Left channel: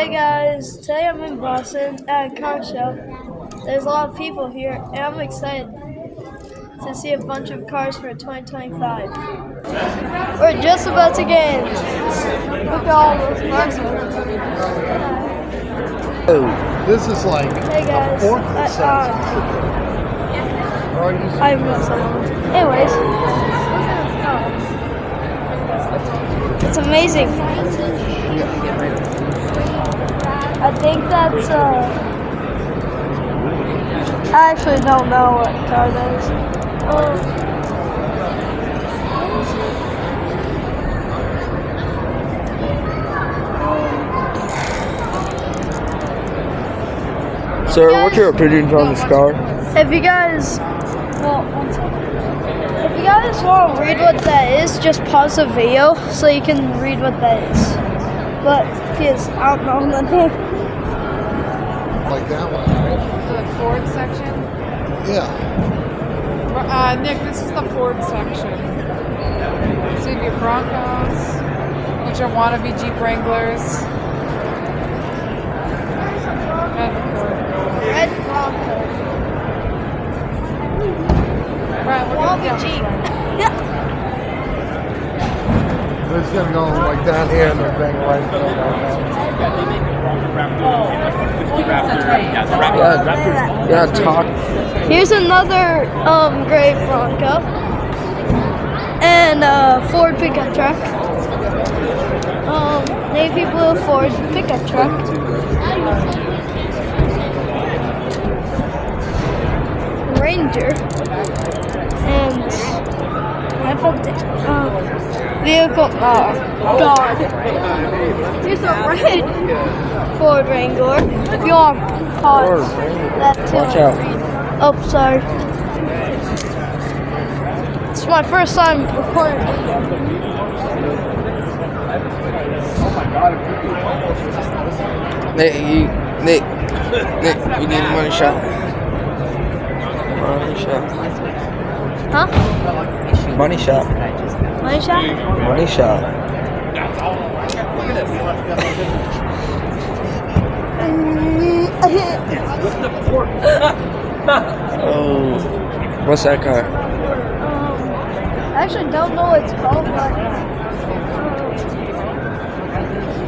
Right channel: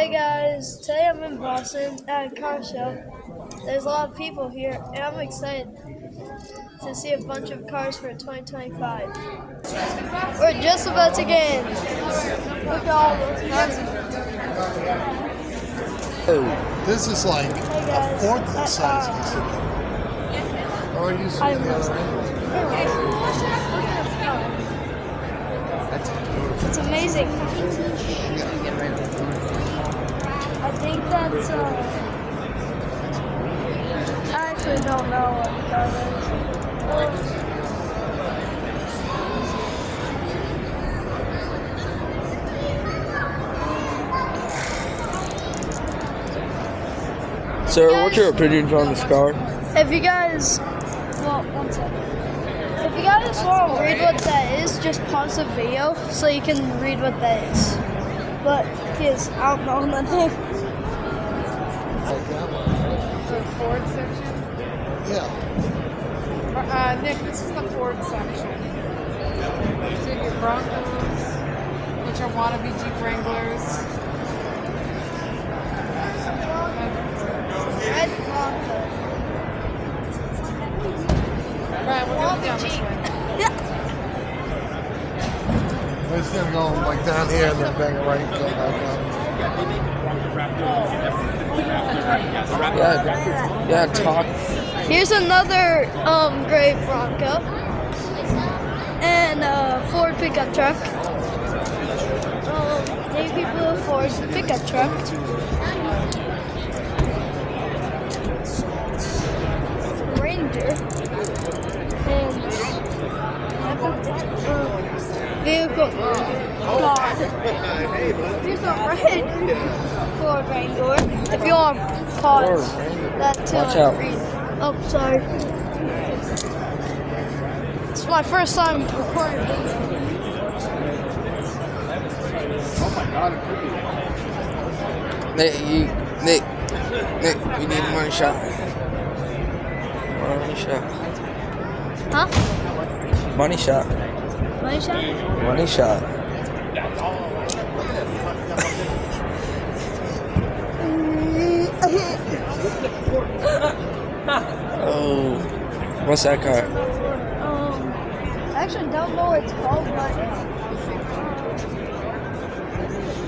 Hey guys, today I'm in Boston at a car show. There's a lot of people here and I'm excited to see a bunch of cars for 2025. We're just about to get in. Look at all those cars over there. Oh, this is like Hey guys, a fourth of the size it used to be. I have no sound. Anyways, it's amazing. I think that's I actually don't know what car that is. Sir, what's your opinions on this car? If you guys, one second. If you guys want to read what that is, just pause the video so you can read what that is. But because I don't know the name. Like that one? The Ford section? Yeah. Nick, this is the Ford section. So you get Broncos, you get your wannabe Jeep Wranglers. And the Ford. Red Bronco. Right, we're going down this way. It's gonna go like down here and then bang right go down. Yeah, talk. Here's another gray Bronco and a Ford pickup truck. Navy blue Ford pickup truck. Ranger and I put the vehicle guard. Here's a red Ford Wrangler. If you want to pause that too. Watch out. Oh, sorry. It's my first time recording. Nick, you need a money shot. Money shot. Huh? Money shot. Money shot? Money shot. Oh, what's that car? I actually don't know what it's called.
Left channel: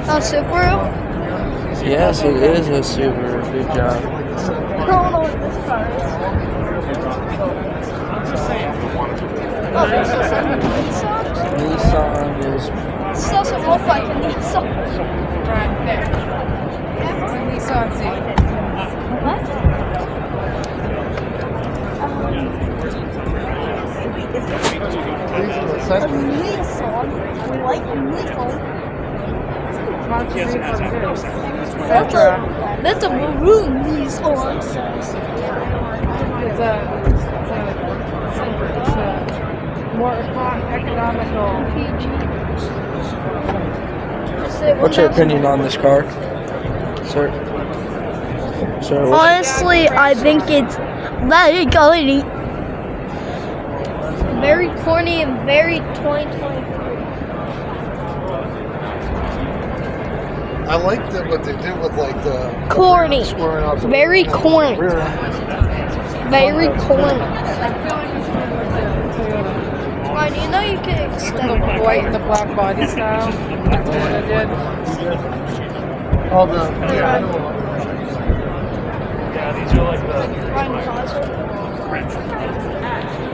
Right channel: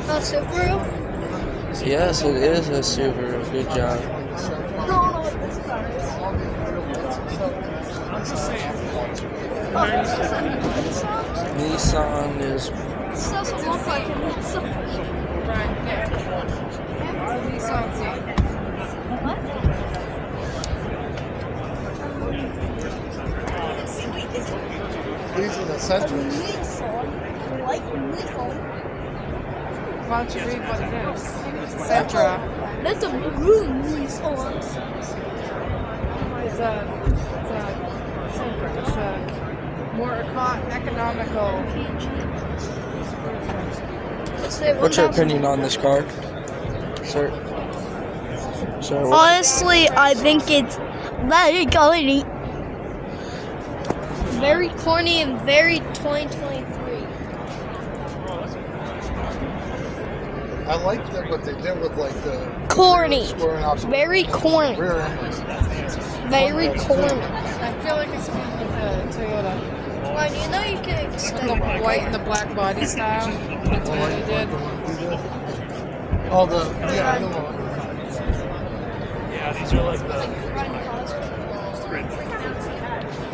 A Subaru? Yes, it is a Subaru. Good job. I don't know what this car is. Nissan is. This doesn't look like a Nissan. Nissan Seat. What? Nissan. Like Nissan. Bunch of vehicles first. Sentra. That's a maroon Nissan. It's a more economical. What's your opinion on this car? Sir, Honestly, I think it's very corny. Very corny and very 2023. I like what they did with like the Corny. squaring off the Very corny. rear end. Very corny. I feel like it's more like the Toyota. Why do you know you can With extend the it? white and the black body style. That's what I did. All the yeah. I know.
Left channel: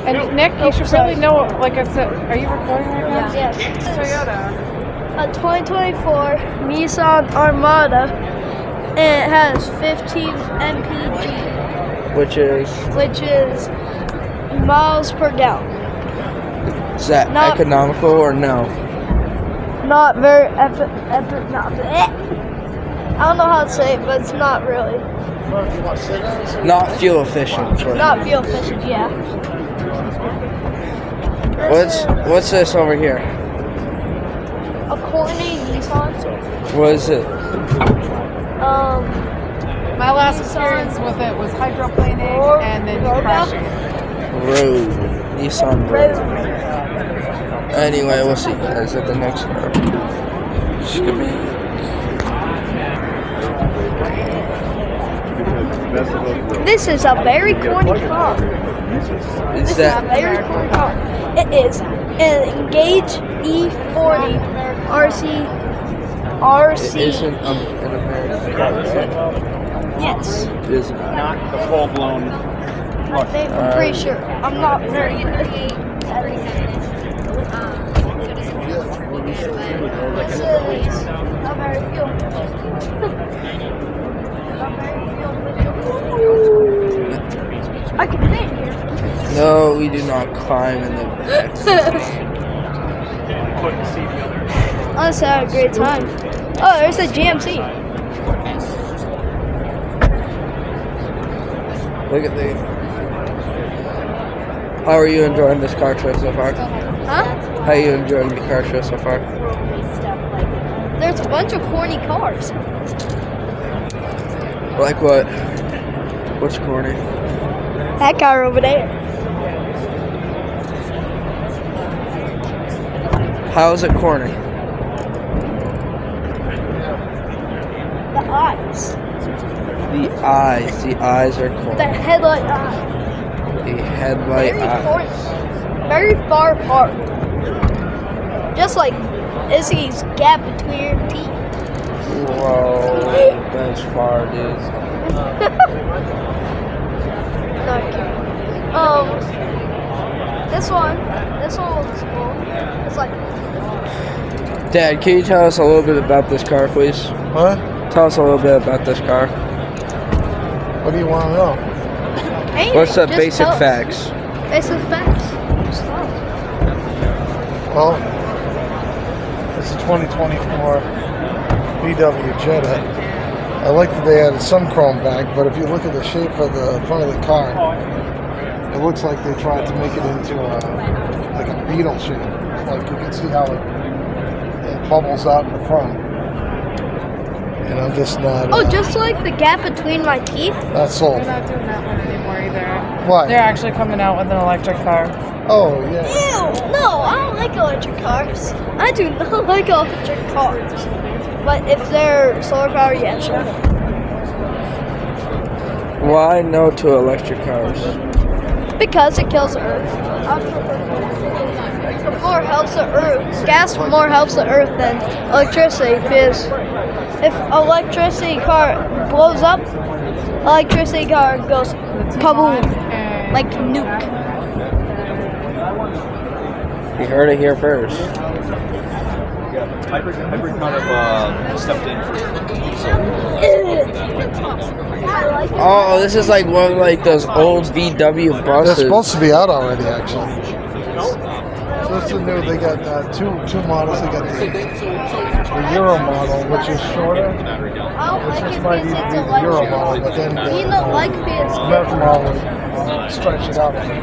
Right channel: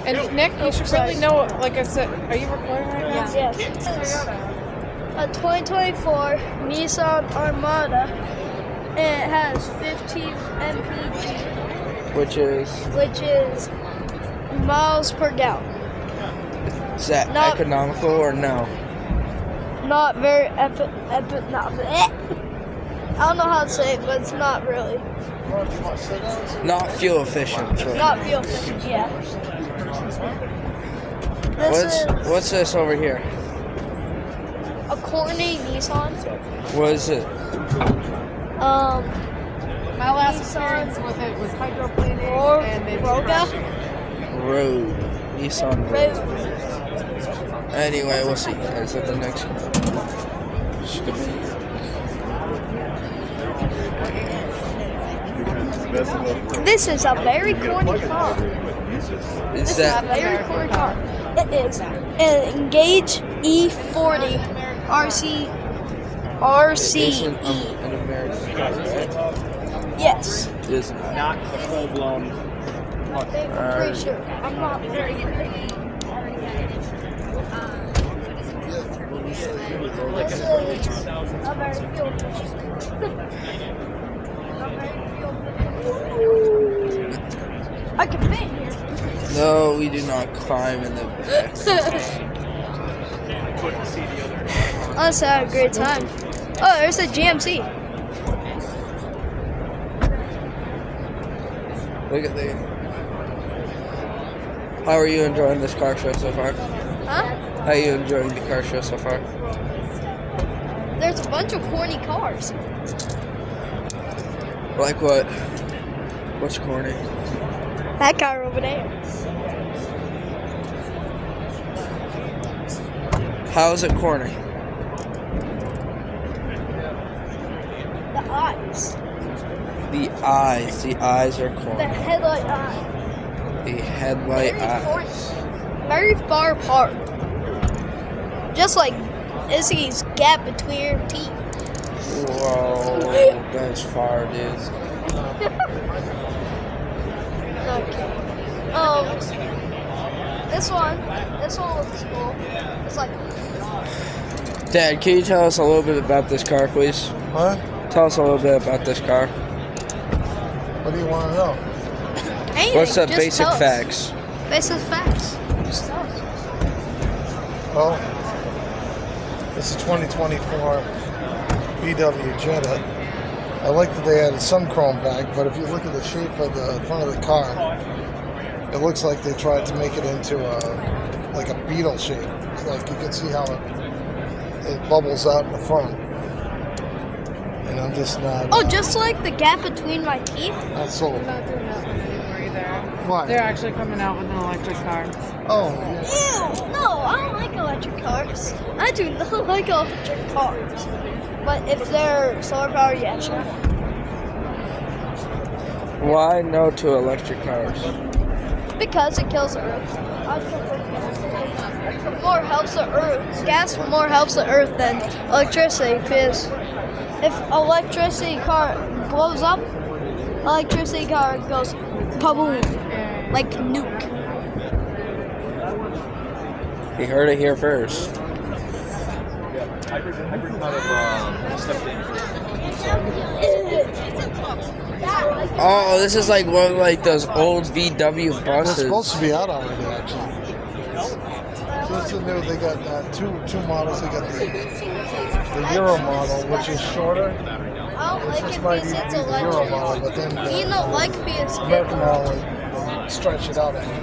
And Nick, you should really know, like I said, are you recording right now? Yes. Toyota. A 2024 Nissan Armada, and it has 15 mpg, Which is miles per gallon. that Not- economical or no? Not very epic. I don't know how to say it, but it's not really. Not fuel efficient. Right? Not fuel efficient, yeah. What's this over here? A corny Nissan. What is it? My last experience with it was hydroplaning Or and then Road. crashing it. Road. Nissan Road. Road. Anyway, we'll see you guys at the next car. This is a very corny car. Is This is a that very corny car. It is an Engage E40 RC. isn't an American car? Yes. It is not. Not the full-blown look. I'm pretty sure. I'm not very good. I can think. No, we do not climb in the Honestly, I had a great time. Oh, there's a GMC. Look at the. How are you enjoying this car show so far? Huh? How are you enjoying the car show so far? There's a bunch of corny cars. Like what? What's corny? That car over there. How is it corny? The eyes. The eyes are The corny. headlight eye. The headlight Very eyes. corny. Very far apart. Just like Izzy's gap between her teeth. Whoa, that's far, dude. Not cute. This one was small. It's like, Dad, can you tell us a little bit about this car, please? Huh? Tell us a little bit about this car. What do you want to know? hey, What's the just basic tell us. facts? Basic facts. Just tell us. Well, it's a 2024 VW Jetta. I like that they added some chrome back, but if you look at the shape of the front of the car, it looks like they tried to make it into like a beetle shape. Like you can see how it bubbles out in the front. And I'm just not. Oh, just like the gap between my teeth? Not sold. They're not doing that one anymore either. Why? They're actually coming out with an electric car. Oh yeah. Ew! No, I don't like electric cars. I do not like electric cars. But if they're solar powered, yeah, sure. Why no to electric cars? Because it kills the earth. It more helps the earth. Gas more helps the earth than electricity. Because if electricity car blows up, electricity car goes kaboom, And like nuke. You heard it here first. Hybrid might have stepped in for Oh, this is like one of like those old VW They're buses. supposed to be out already, actually. So it's the new. They got two models. They got the Euro model, which is shorter. I don't Which like just it might because be it's the Euro model, electric. but then You don't like because American model stretches out. electric.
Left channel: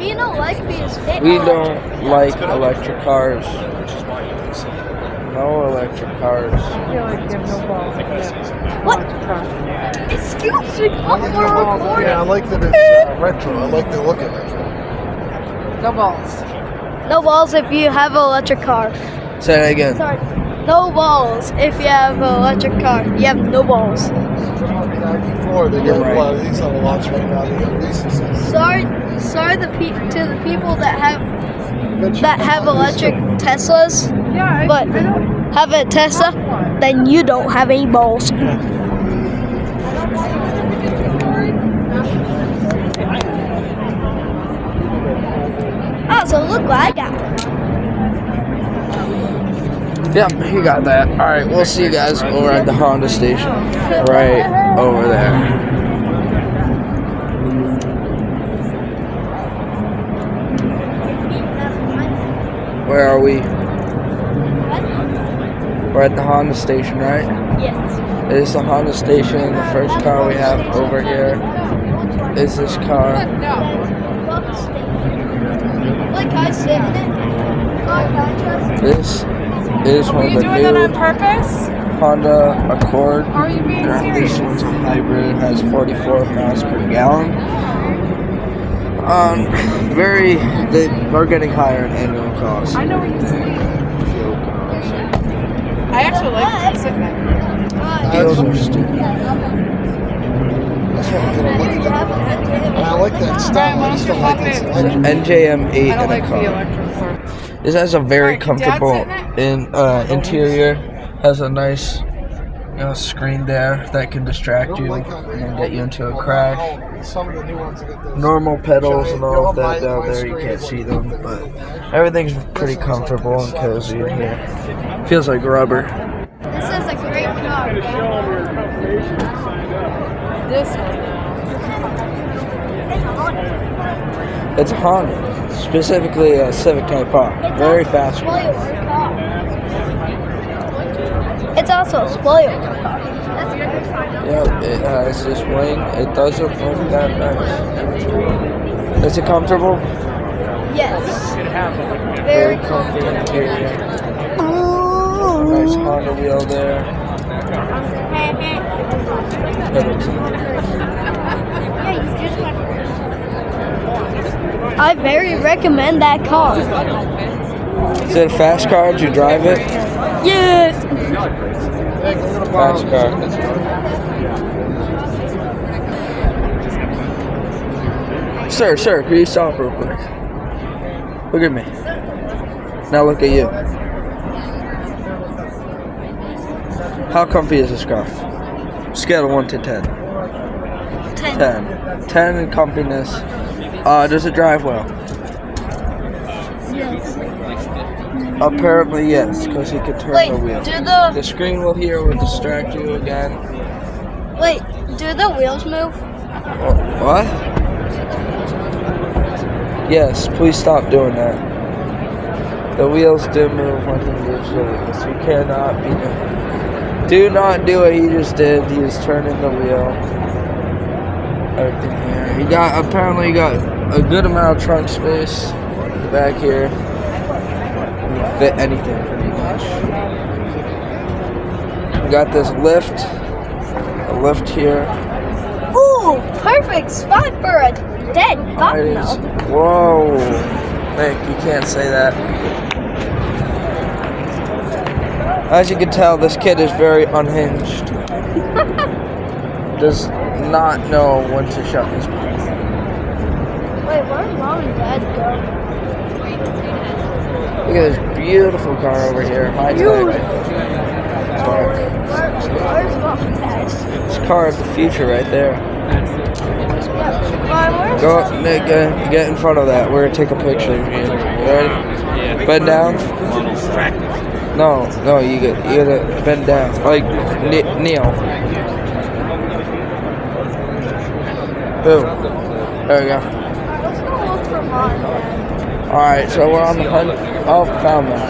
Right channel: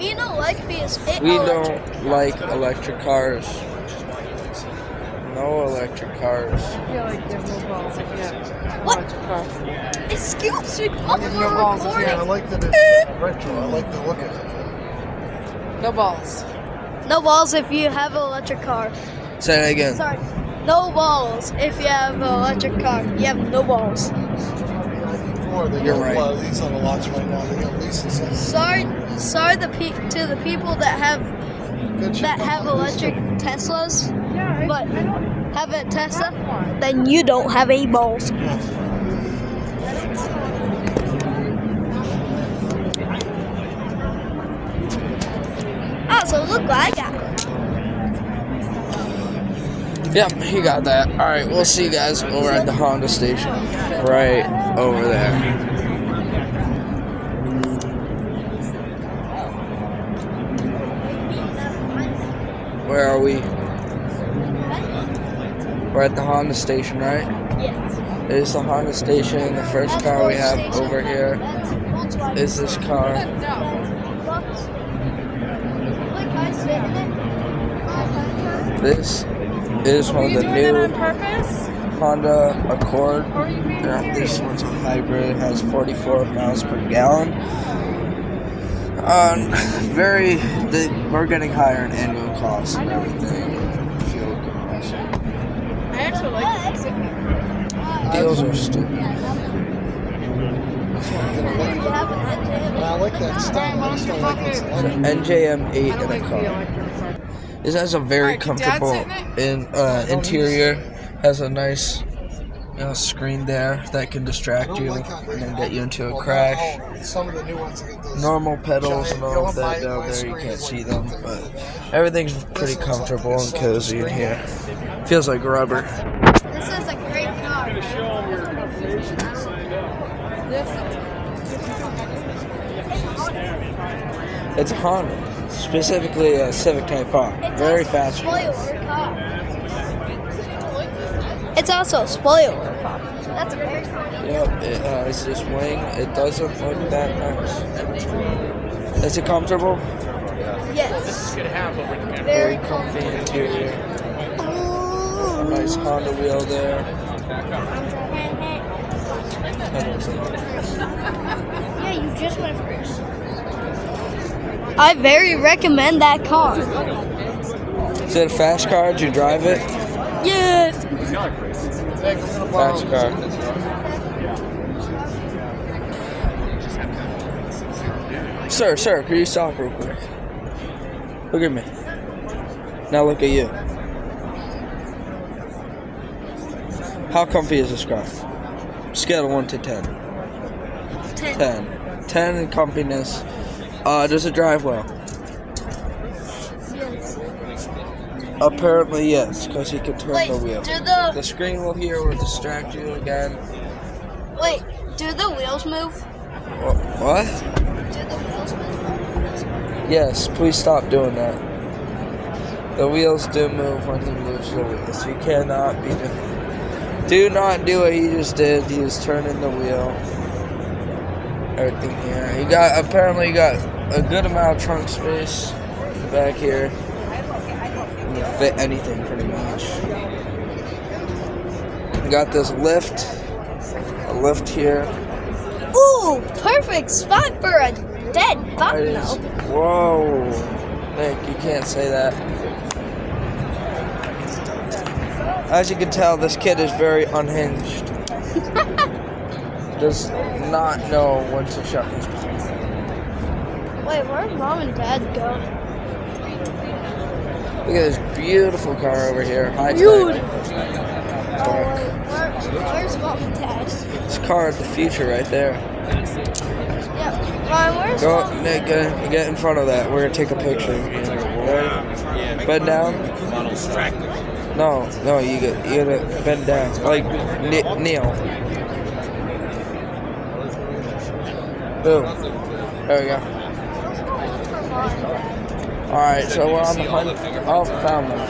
you don't like because it We electric. don't like electric cars. No electric cars. I feel like you have no balls if you get What? electric car. Excuse me, Yeah, I we're like that it's retro. I like the look of it. No balls. recording. No balls if you have an electric car. Say that again. Sorry. No balls if you have an electric car. You have no balls. ID4, they You're got right. a lot of these on the lots right now. They got leases. Sorry to the people that have electric Teslas, Yeah, but I don't. have a Tesla, then you don't have any balls. Oh, so look what I got. Yep, he got that. Alright, we'll see you guys over at the Honda station. Right over there. Where are we? We're at the Honda station, right? Yes. It is the Honda station. The first car we have over here is this car. Like I sit in it. This is Were one of you the doing that on new purpose? Honda Accord. Or are you being serious? This one's a hybrid. It has 44 miles per gallon. They are getting higher in annual costs. I know what you're saying. Fuel costs. I actually like sitting there. Wheels are stupid. That's what I'm gonna look at. And I like that style. I just don't like this electric. NJM 8 I in don't a like the car. electric car. This has a very Alright, Dad's comfortable in it? interior. Has a nice, screen there that can I distract don't you like how and get you into a crash. Some of the new ones get this. Normal pedals and all of that giant- down my there. You screen can't is see like them, nothing. but everything's pretty comfortable and cozy in here. Feels like rubber. This is a great car. This one. It's a Honda, specifically a Civic Type R. Very fast. Spoiler car. It's also a spoiler car. That's great. Yep, it has this wing. It doesn't look that nice. Is it comfortable? Yes. Very comfy interior. Nice Honda wheel there. Pedals. I very recommend that car. Is it a fast car? Did you drive it? Yes. Fast car. Sir, can you stop real quick? Look at me. Now look at you. How comfy is this car? Scale of 1 to 10. 10. 10 in comfiness. Does it drive well? Yes. Apparently yes, because you can turn Wait, the wheel. do The the screen will here will distract you again. do the wheels move? What? Do the wheels move? Yes, please stop doing that. The wheels do move when the moves the wheels. You cannot be doing it. Do not do what you just did. He was turning the wheel. Everything here. You got a good amount of trunk space back here. You can fit anything pretty much. You got this lift. A lift here. Ooh, perfect spot for a dead It bucknell. is. Whoa. Nick, you can't say that. As you can tell, this kid is very unhinged. Does not know when to shut his mouth. Wait, where's mom and dad go? Look at this beautiful car over here. High tech. Where's mom and dad? This car is the future right there. Yeah. Where's Go, Nick, get in front of that. We're gonna take a picture of you. Ready? Bend down. No, you gotta bend down. Like, kneel. Boom. There we go. Look for mom. Alright, so we're on the hunt. Oh, found them.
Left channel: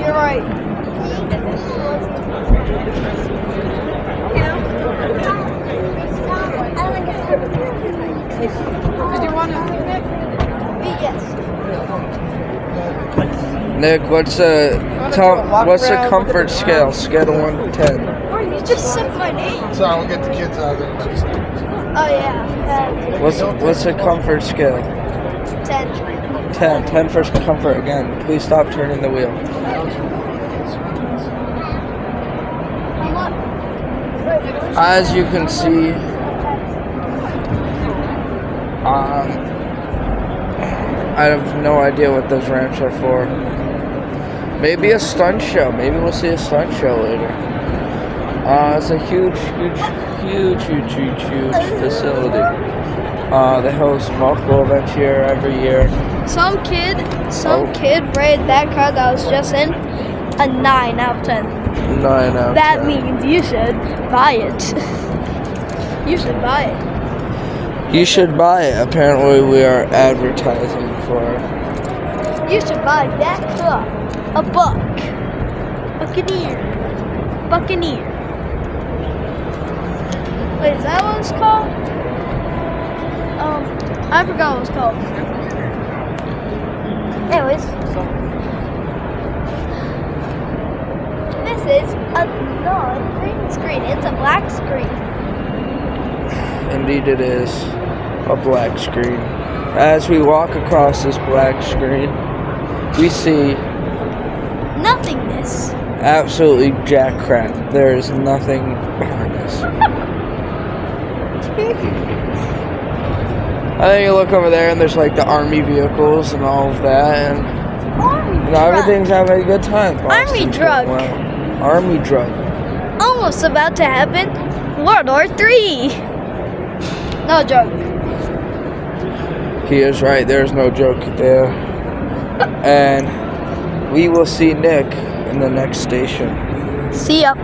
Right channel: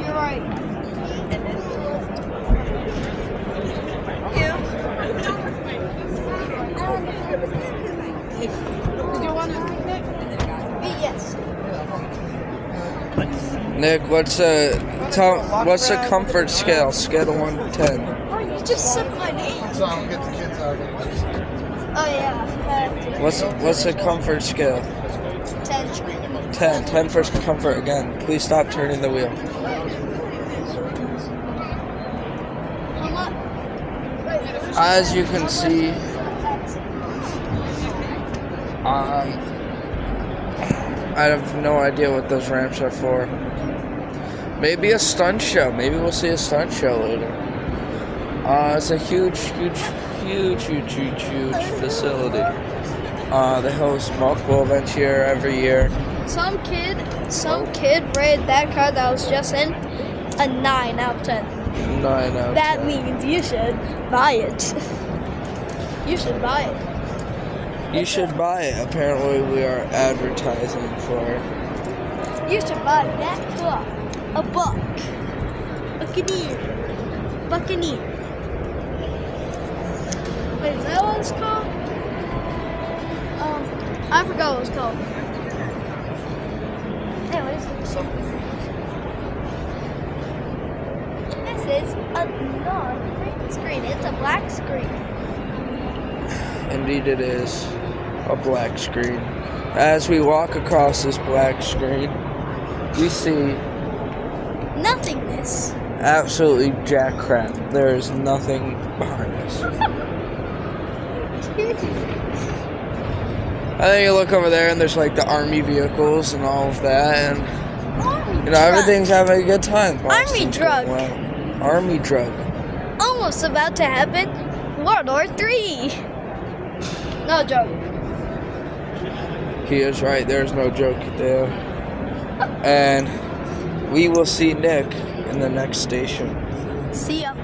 You're right. Did you want to see that? Yes. Nick, what's the comfort scale? Scale of 1 to 10. You just said my name. So we'll get the kids out of there. Oh yeah. What's the comfort scale? 10. 10 for comfort again. Please stop turning the wheel. As you can see, I have no idea what those ramps are for. Maybe a stunt show. Maybe we'll see a stunt show later. It's a huge facility. They host multiple events here every year. Some kid rated that car that I was just in a 9 out of 10. 9 out. That means you should buy it. You should buy it. You should buy it. Apparently, we are advertising for. You should buy that car. A buck. Buccaneer. Wait, is that what it's called? I forgot what it's called. Anyways. This is not a green screen. It's a black screen. Indeed, it is. a black screen. As we walk across this black screen, we see Nothingness. absolutely jack crap. There is nothing behind us. And then you look over there and there's like the army vehicles and all of that, and Army you know, everything's having a good time. Army drug. Wow. Army drug. Almost about to happen. World War III. No joke. He is right, there's no joke there. And we will see Nick in the next station. See ya.